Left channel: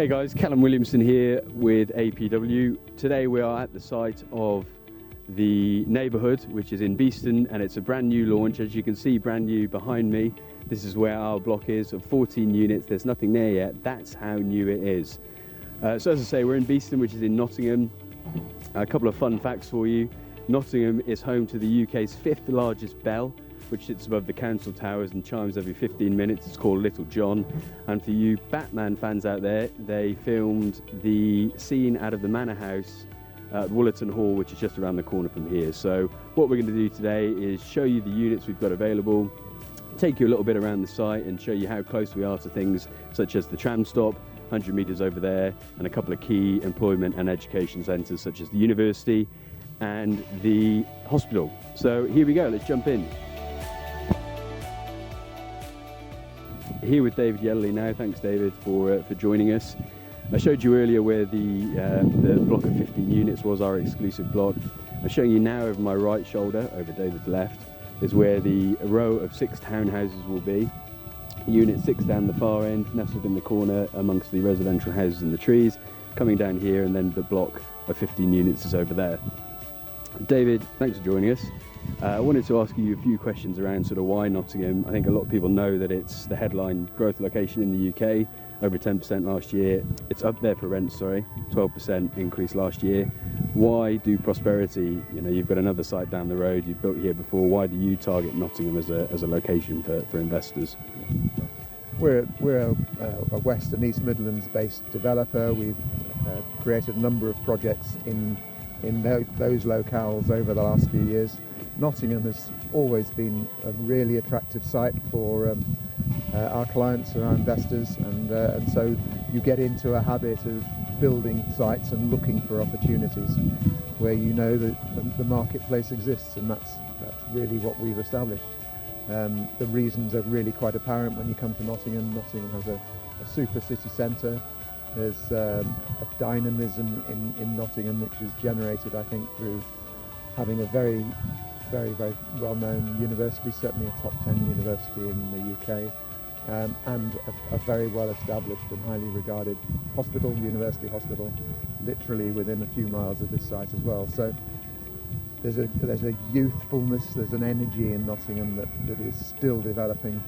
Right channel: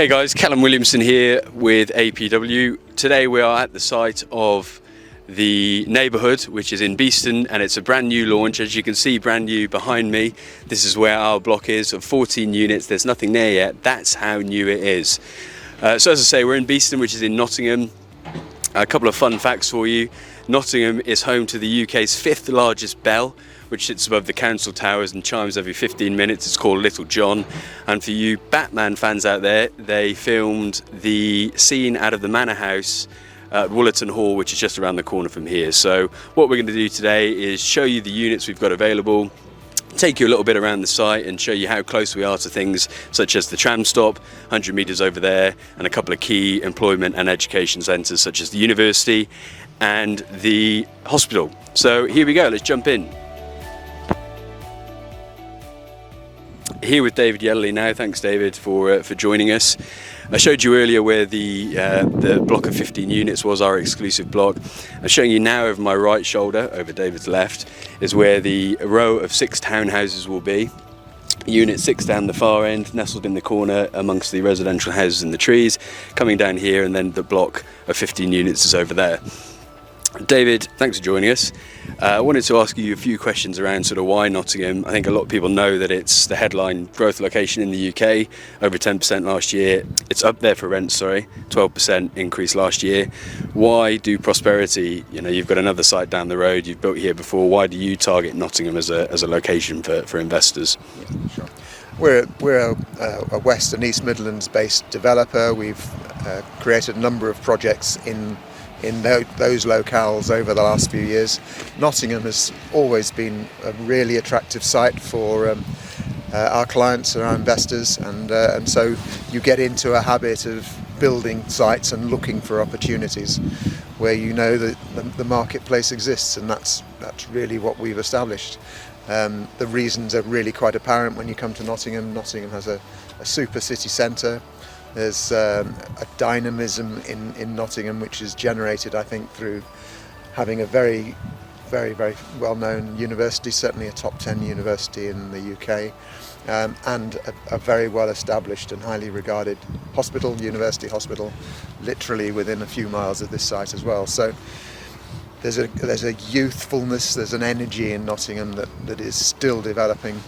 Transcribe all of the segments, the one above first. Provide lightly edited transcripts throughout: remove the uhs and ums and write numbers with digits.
Hey guys, Callum Williamson here with APW. Today we are at the site of the Neighbourhood, which is in Beeston, and it's a brand new launch. As you can see, brand new behind me. This is where our block is of 14 units. There's nothing there yet. That's how new it is. So as I say, we're in Beeston, which is in Nottingham. A couple of fun facts for you. Nottingham is home to the UK's 5th largest bell, which sits above the council towers and chimes every 15 minutes. It's called Little John. And for you Batman fans out there, they filmed the scene out of the Manor House at Woollerton Hall, which is just around the corner from here. So what we're going to do today is show you the units we've got available, take you a little bit around the site and show you how close we are to things such as the tram stop, 100 metres over there, and a couple of key employment and education centres such as the university and the hospital. So here we go, let's jump in. Here with David Yellerley now. Thanks, David, for joining us. I showed you earlier where the block of 15 units was, our exclusive block. I'm showing you now over my right shoulder, over David's left, is where the row of 6 townhouses will be. Unit 6 down the far end, nestled in the corner amongst the residential houses and the trees, coming down here, and then the block of 15 units is over there. David, thanks for joining us. I wanted to ask you a few questions around sort of why Nottingham. I think a lot of people know that it's the headline growth location in the UK, over 10% last year. It's up there for rent, 12% increase last year. Why do Prosperity, you've got another site down the road, you've built here before, why do you target Nottingham as a location for investors? Yeah, sure. We're a West and East Midlands based developer. We've created a number of projects in those locales over the last few years. Nottingham has always been a really attractive site for our clients and our investors, and so you get into a habit of building sites and looking for opportunities where you know that the marketplace exists, and that's really what we've established. The reasons are really quite apparent when you come to Nottingham. Nottingham has a super city centre. There's a dynamism in Nottingham which is generated, I think, through having a very, very, very well-known university, certainly a top 10 university in the UK, and a very well-established and highly regarded university hospital, literally within a few miles of this site as well. So there's a youthfulness, there's an energy in Nottingham that is still developing,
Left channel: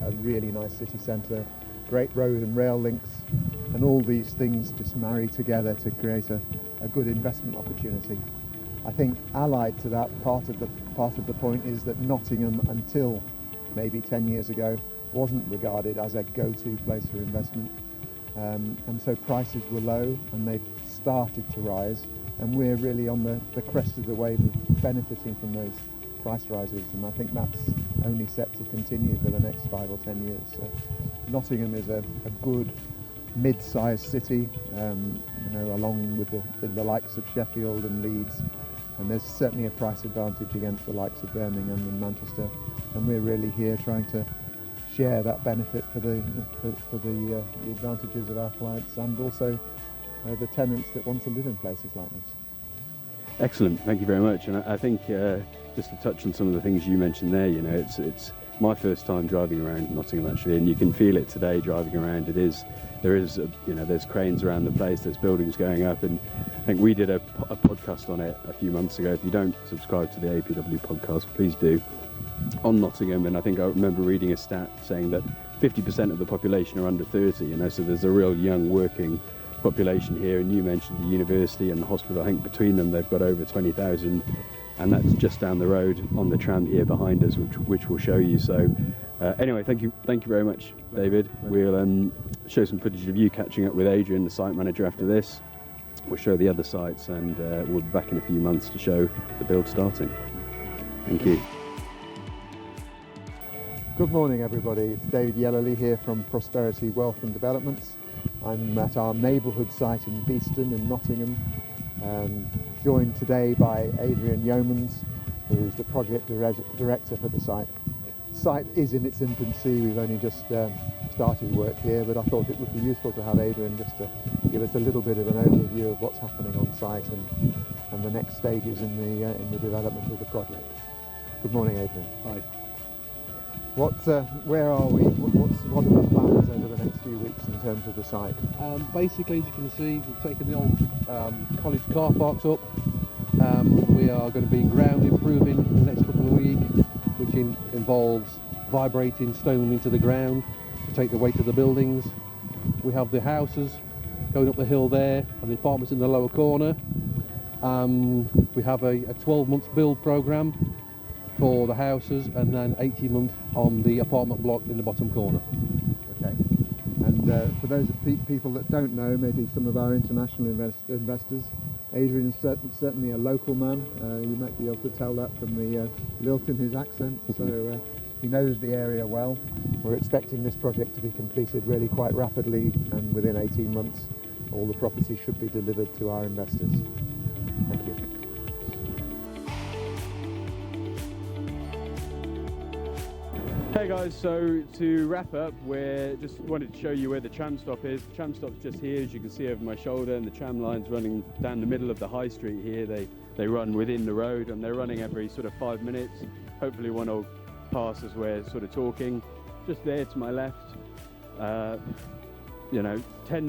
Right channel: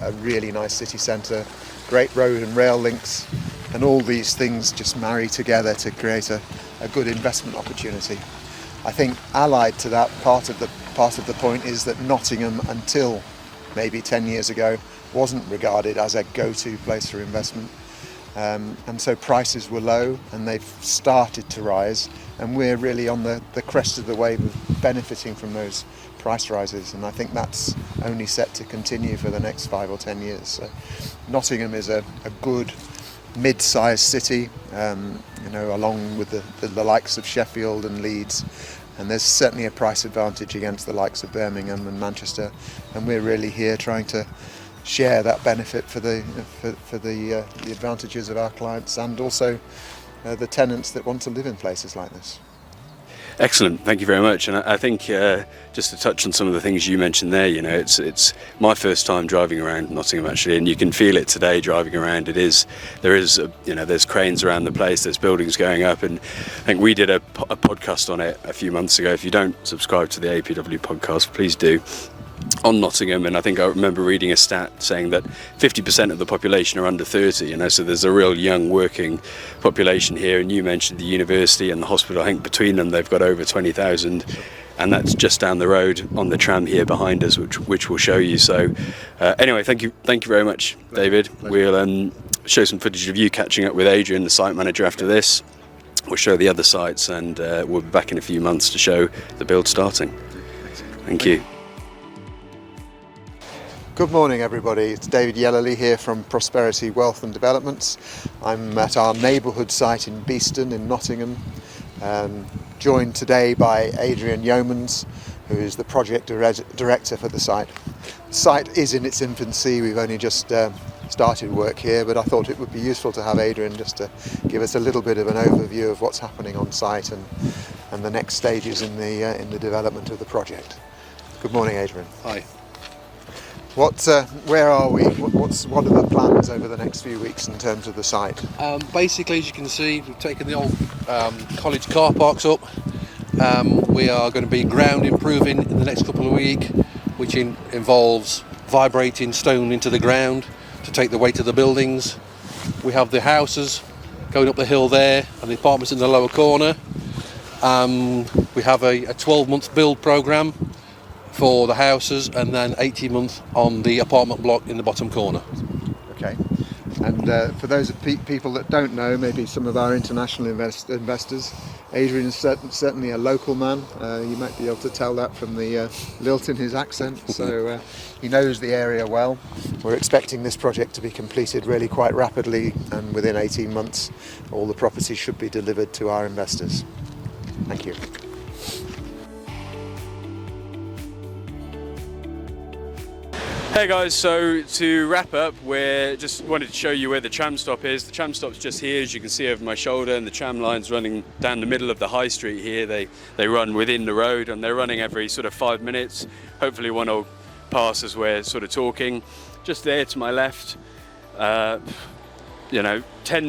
a really nice city centre, great road and rail links, and all these things just marry together to create a good investment opportunity. I think allied to that, part of the point is that Nottingham, until maybe 10 years ago, wasn't regarded as a go-to place for investment. And so prices were low and they've started to rise, and we're really on the crest of the wave of benefiting from those price rises, and I think that's only set to continue for the next 5 or 10 years. So Nottingham is a good mid-sized city, along with the likes of Sheffield and Leeds, and there's certainly a price advantage against the likes of Birmingham and Manchester, and we're really here trying to share that benefit for the advantages of our clients and also the tenants that want to live in places like this. Excellent, thank you very much. And I think just to touch on some of the things you mentioned there, it's my first time driving around Nottingham actually, and you can feel it today driving around. There's cranes around the place, there's buildings going up, and I think we did a podcast on it a few months ago. If you don't subscribe to the APW podcast, please do, on Nottingham, and I think I remember reading a stat saying that 50% of the population are under 30, so there's a real young working population here. And you mentioned the university and the hospital. I think between them they've got over 20,000, and that's just down the road on the tram here behind us, which we'll show you. So anyway, thank you very much, David. We'll show some footage of you catching up with Adrian, the site manager, after this. We'll show the other sites, and we'll be back in a few months to show the build starting. Thank you. Good morning, everybody. It's David Yellerley here from Prosperity Wealth and Developments. I'm at our Neighbourhood site in Beeston in Nottingham, joined today by Adrian Yeomans, who is the project director for the site. The site is in its infancy. We've only just started work here, but I thought it would be useful to have Adrian just to give us a little bit of an overview of what's happening on site and the next stages in the development of the project. Good morning, Adrian. Hi. Where are we? What what are the plans over the next few weeks in terms of the site? Basically, as you can see, we've taken the old college car parks up. We are going to be ground improving in the next couple of weeks, which involves vibrating stone into the ground to take the weight of the buildings. We have the houses going up the hill there and the apartments in the lower corner. We have a 12-month build programme for the houses and then 18 months on the apartment block in the bottom corner. Okay. And for those people that don't know, maybe some of our international investors, Adrian is certainly a local man. You might be able to tell that from the lilt in his accent. So he knows the area well. We're expecting this project to be completed really quite rapidly, and within 18 months all the property should be delivered to our investors. Thank you. Hey guys, so to wrap up, we just wanted to show you where the tram stop is. The tram stop's just here, as you can see over my shoulder, and the tram line's running down the middle of the high street here. They run within the road, and they're running every sort of 5 minutes. Hopefully one will pass as we're sort of talking. Just there to my left, 10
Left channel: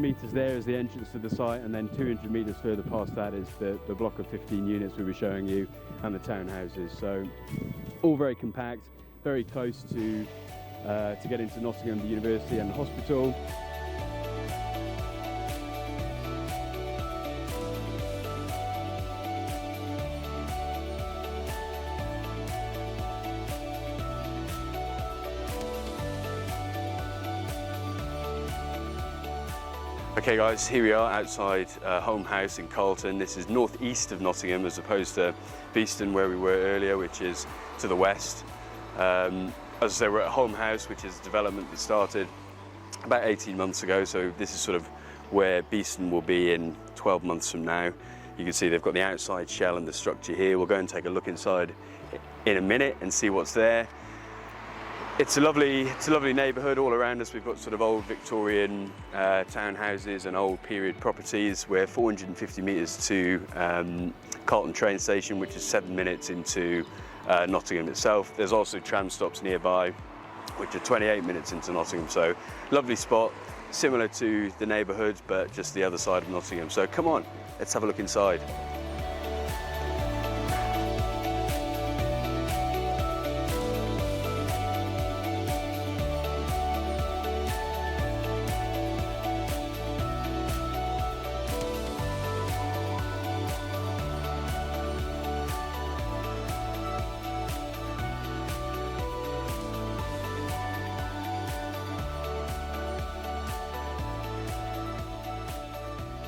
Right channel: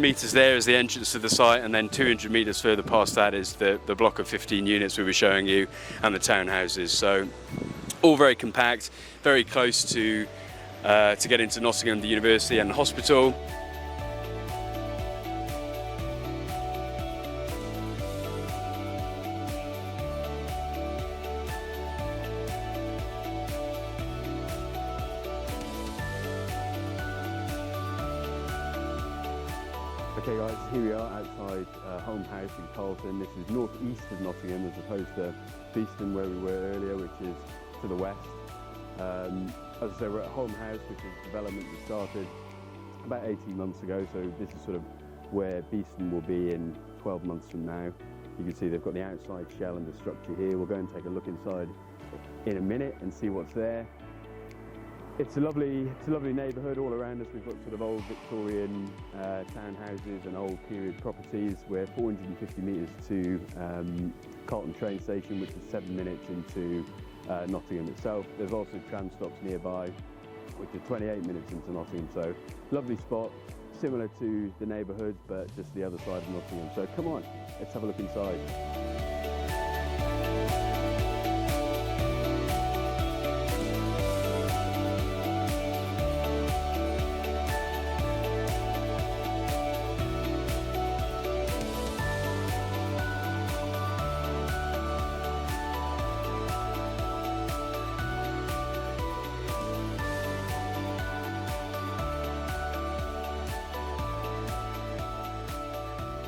metres there is the entrance to the site, and then 200 metres further past that is the block of 15 units we were showing you, and the townhouses. So all very compact, very close to get into Nottingham, the university and the hospital. Okay guys, here we are outside Holme House in Carlton. This is northeast of Nottingham as opposed to Beeston where we were earlier, which is to the west. As I say, we're at Holme House, which is a development that started about 18 months ago, so this is sort of where Beeston will be in 12 months from now. You can see they've got the outside shell and the structure here. We'll go and take a look inside in a minute and see what's there. It's a lovely neighbourhood all around us. We've got sort of old Victorian townhouses and old period properties. We're 450 metres to Carlton train station, which is 7 minutes into Nottingham itself. There's also tram stops nearby, which are 28 minutes into Nottingham. So lovely spot, similar to the neighbourhood, but just the other side of Nottingham. So come on, let's have a look inside.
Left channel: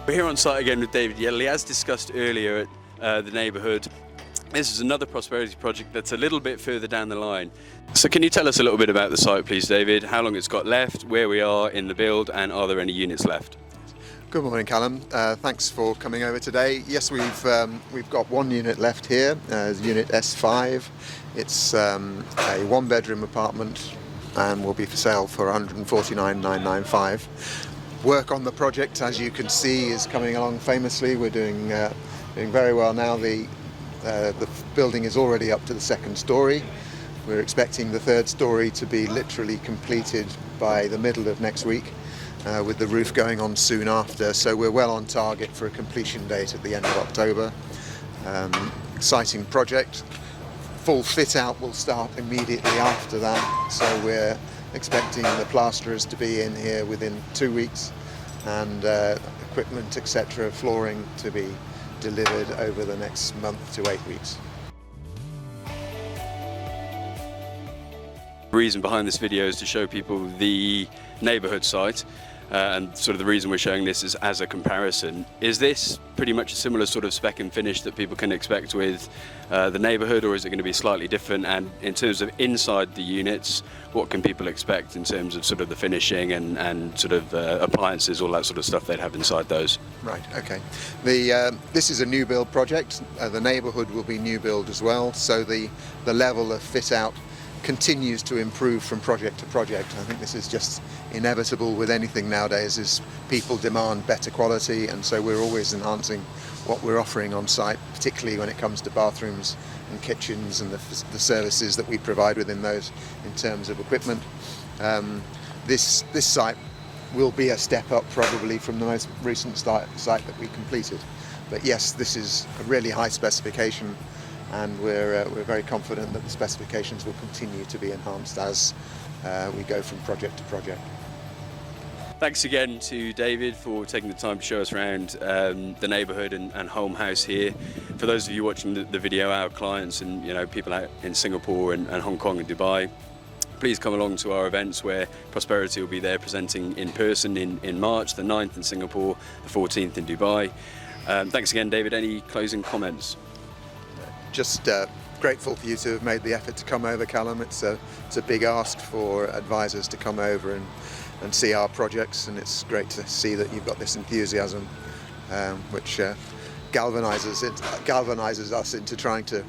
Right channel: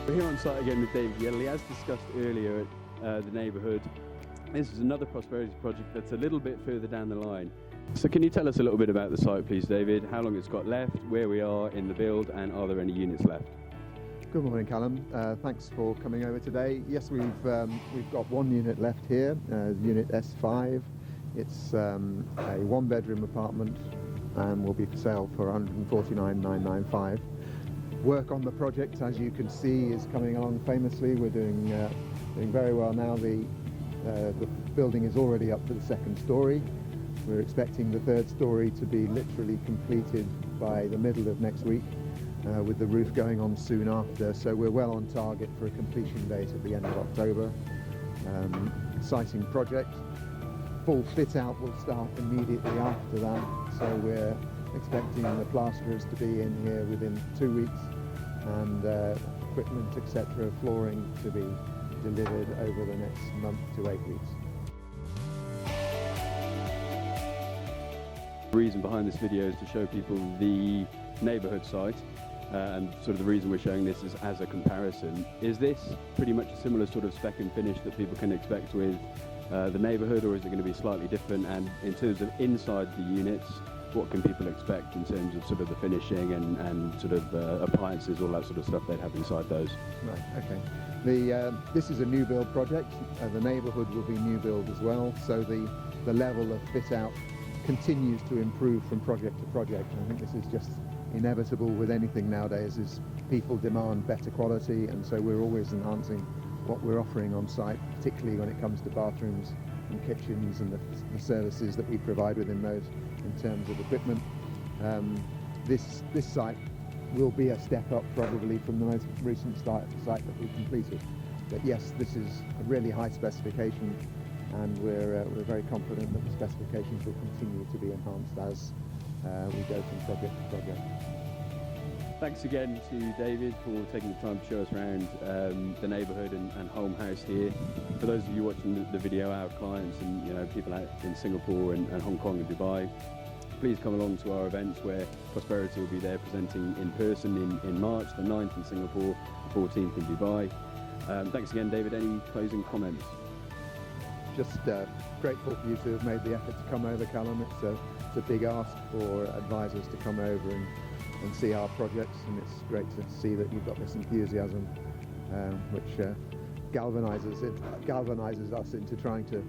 We're here on site again with David Yelley. As discussed earlier at the neighbourhood, this is another prosperity project that's a little bit further down the line. So can you tell us a little bit about the site, please, David? How long it's got left, where we are in the build, and are there any units left? Good morning, Callum. Thanks for coming over today. Yes, we've got one unit left here, Unit S5. It's a one-bedroom apartment and will be for sale for $149,995. Work on the project, as you can see, is coming along famously. We're doing very well now. The building is already up to the second story. We're expecting the third story to be literally completed by the middle of next week, with the roof going on soon after. So we're well on target for a completion date at the end of October. Exciting project. Full fit out will start immediately after that. So we're expecting the plasterers to be in here within 2 weeks, and equipment, etc., flooring to be delivered over the next month to 8 weeks. The reason behind this video is to show people the neighbourhood site, and sort of the reason we're showing this is as a comparison. Is this pretty much a similar sort of spec and finish that people can expect with the neighbourhood, or is it going to be slightly different? And in terms of inside the units, what can people expect in terms of sort of the finishing and sort of appliances, all that sort of stuff they'd have inside those? Right, okay. This is a new build project. The neighbourhood will be new build as well, so the level of fit out continues to improve from project to project. I think this is just inevitable with anything nowadays, is people demand better quality, and so we're always enhancing what we're offering on site, particularly when it comes to bathrooms and kitchens and the services that we provide within those in terms of equipment. This site will be a step up probably from the most recent site that we completed. But yes, this is a really high specification, and we're very confident that the specifications will continue to be enhanced as we go from project to project. Thanks again to David for taking the time to show us around the neighbourhood and Holme House here. For those of you watching the video, our clients and people out in Singapore and Hong Kong and Dubai, please come along to our events where Prosperity will be there presenting in person in March, the 9th in Singapore, the 14th in Dubai. Thanks again, David. Any closing comments? Just grateful for you to have made the effort to come over, Callum. It's a big ask for advisors to come over and see our projects, and it's great to see that you've got this enthusiasm which galvanizes us into trying to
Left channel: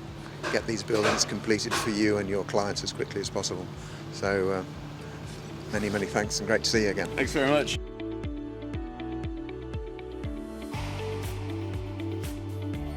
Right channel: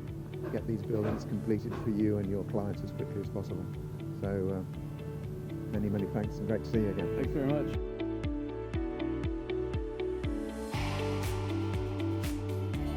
get these buildings completed for you and your clients as quickly as possible. So many thanks, and great to see you again. Thanks very much.